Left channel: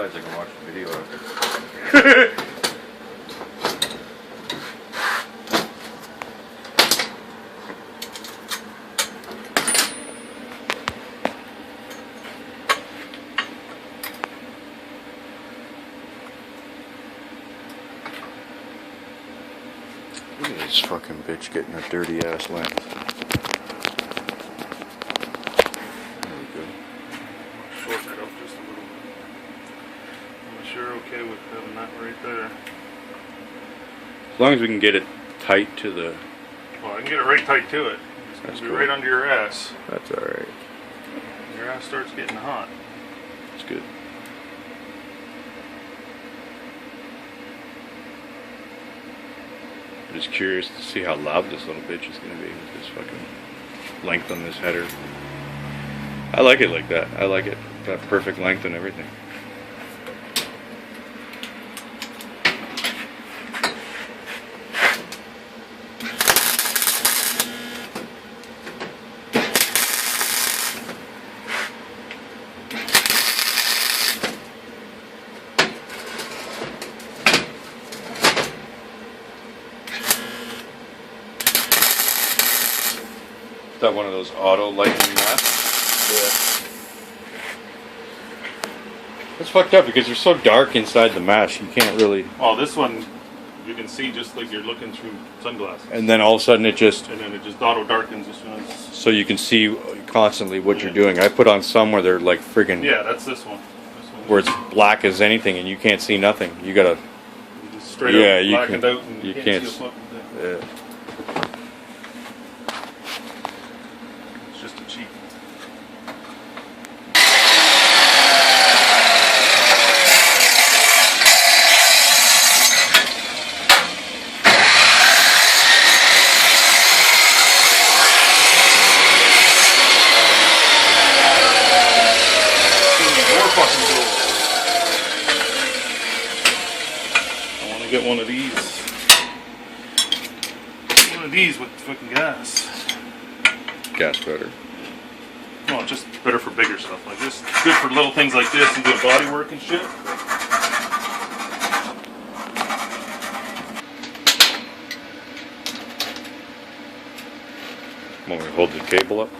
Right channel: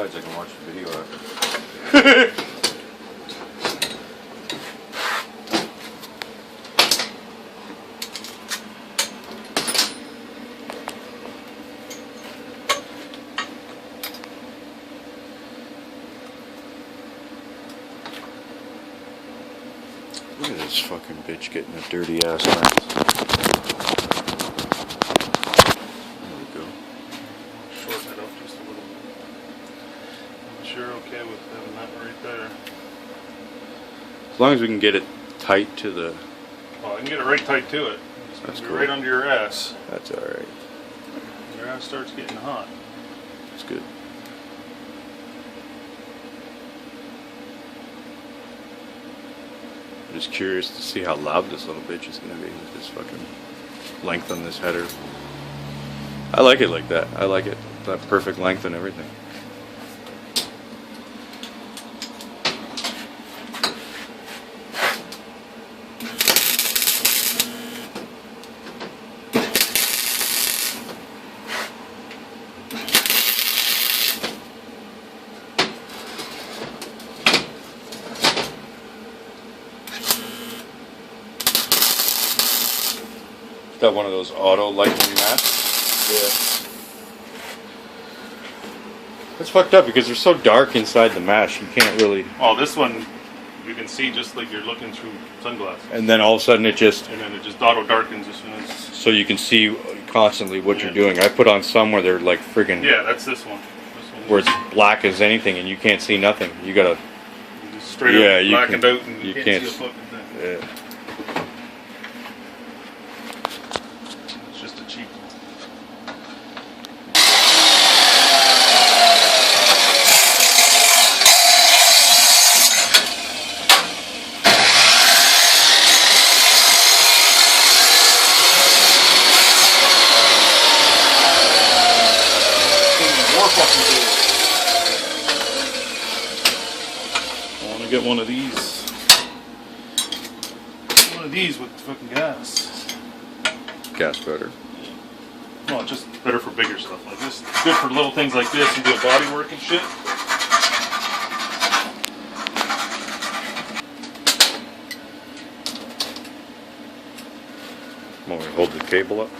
outside so I can watch the video after. Look at this fucking bitch getting a dirty ass lens. There we go. Shorten it up just a little bit. Unless you're okay with having that right there. As long as we can get it tight to the... Well, I can get it right tight to it. It's going to be cool. right under your ass. That's alright. Your ass starts getting hot. It's good. I'm just curious to see how loud this little bitch is going to be with this fucking length on this header. I like it like that. I like it. That perfect length and everything. Is that one of those auto lighting masks? Yeah. It's fucked up because they're so dark inside the mask, you can't really... Well, this one, you can see just like you're looking through sunglasses. And then all of a sudden it just... And then it just auto darkens as soon as... So you can see constantly what you're doing. I put on some where they're like friggin'... Yeah, that's this one. Where it's black as anything and you can't see nothing. You gotta... You just straight up blackened out and you can't can't see a fucking thing. Yeah. It's just a cheap one. I want to get one of these. One of these with fucking gas. Gas better. Well, just better for bigger stuff like this. Good for little things like this and doing body work and shit. Want me to hold the table up?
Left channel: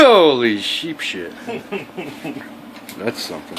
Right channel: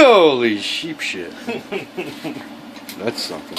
Holy sheep shit. That's something.